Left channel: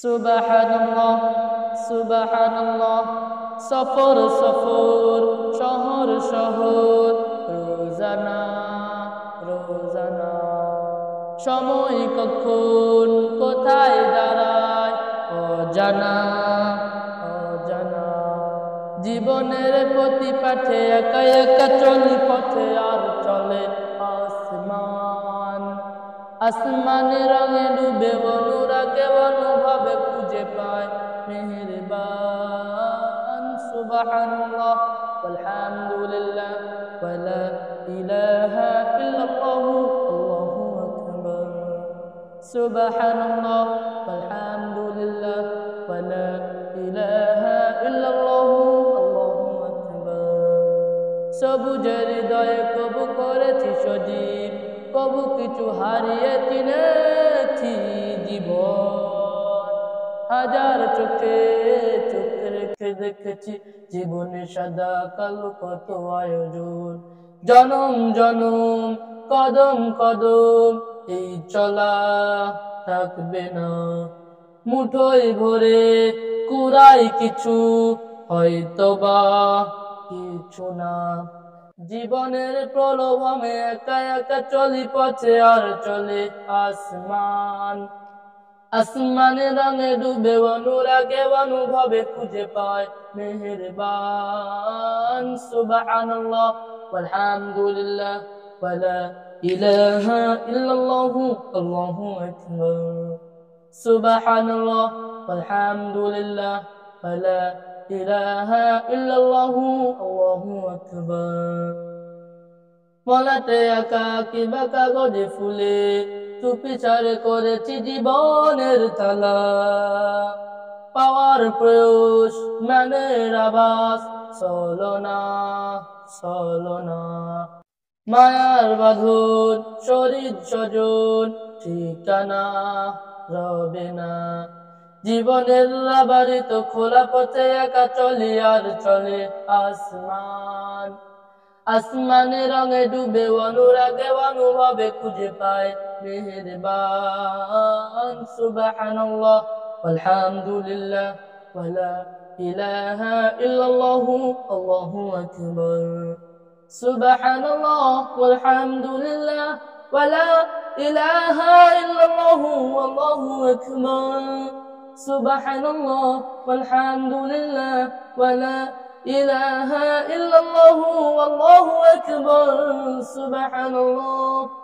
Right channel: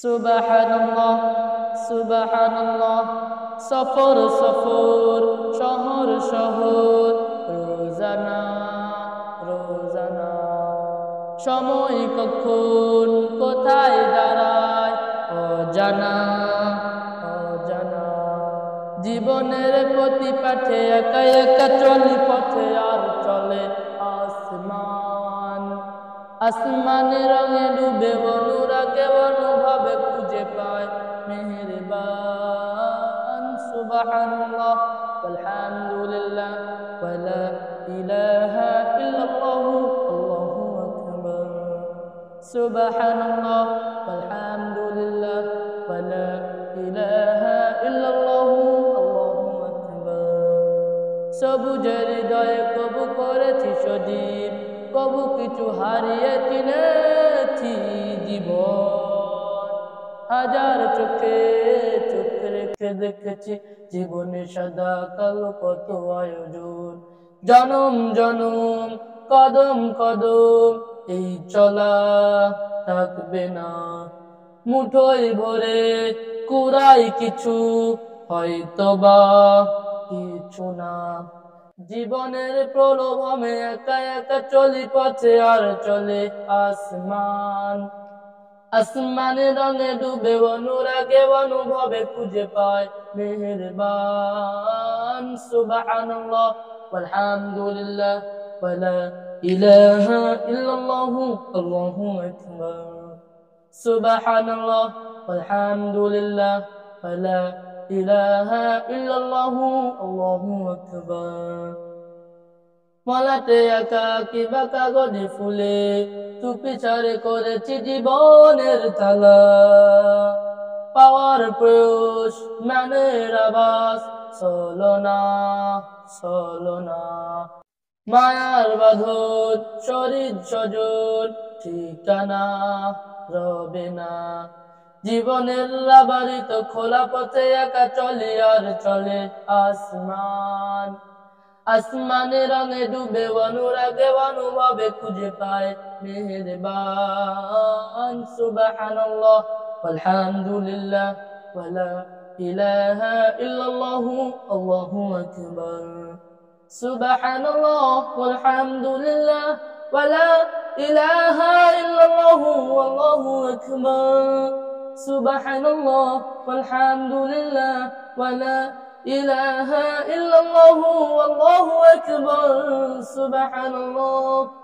সুবহানাল্লাহ সুবহানাল্লাহ। সফর সফর, শহর শহর, রোজানা রোজানা। সময় কখন কোথায় দাঁড়ায় অজানা অজানা। জীবনের প্রতি পাঠে একা একা চলি পথে, আর চলে আসমান। আসমানের রঙে ডুবে অনুরাগে অনুভবে খুঁজে পায় মেহেরবান। সুবহানাল্লাহ ওয়ালহামদুলিল্লাহ ওয়ালা ইলাহা ইল্লাল্লাহু আল্লাহু আকবার। সুবহানাল্লাহ ওয়ালহামদুলিল্লাহ ওয়ালা ইলাহা ইল্লাল্লাহু আল্লাহু আকবার। সবুজের হৃদয়ে কবু করেছি সজীব, কবু কিছু হারিয়ে চিনেছি জীবন। হাজার চোখে চোখ রেখে দেখেছি জীবনে সাদা কালো কত আয়োজন। জনম জনম কদম কদম এই চলা থাকবে না। মুঠোয় ভরে কুড়াই কিছু, হয়তোবা কিছু না। জীবনের প্রলোভনে একা একা চলি পথে, আর চলে আসমান। আসমানের রঙে ডুবে অনুরাগে অনুভবে খুঁজে পায় মেহেরবান। সুবহানাল্লাহ ওয়ালহামদুলিল্লাহ ওয়ালা ইলাহা ইল্লাল্লাহু আল্লাহু আকবার। সুবহানাল্লাহ ওয়ালহামদুলিল্লাহ ওয়ালা ইলাহা ইল্লাল্লাহু আল্লাহু আকবার। মলাটে আঁকা কিবা কাগজে ফুলে চুপি ছাড়ে করেছি জীবনের তালা। পাওয়ার প্রয়োস মানের আবাস চলনা চলনা। মায়ার বাঁধন শরীর স্বজন ঠিকানা রবে না। জীবনের রাবারিত খোলা পথে একা চলি, আর চলে আসমান। আসমানের রঙে ডুবে অনুরাগে অনুভবে খুঁজে পায় মেহেরবান। সুবহানাল্লাহ ওয়ালহামদুলিল্লাহ ওয়ালা ইলাহা ইল্লাল্লাহু আল্লাহু আকবার। সুবহানাল্লাহ ওয়ালহামদুলিল্লাহ ওয়ালা ইলাহা ইল্লাল্লাহু আল্লাহু আকবার। সুবহানাল্লাহ ওয়ালহামদুলিল্লাহ ওয়ালা ইলাহা ইল্লাল্লাহু আল্লাহু আকবার। সুবহানাল্লাহ।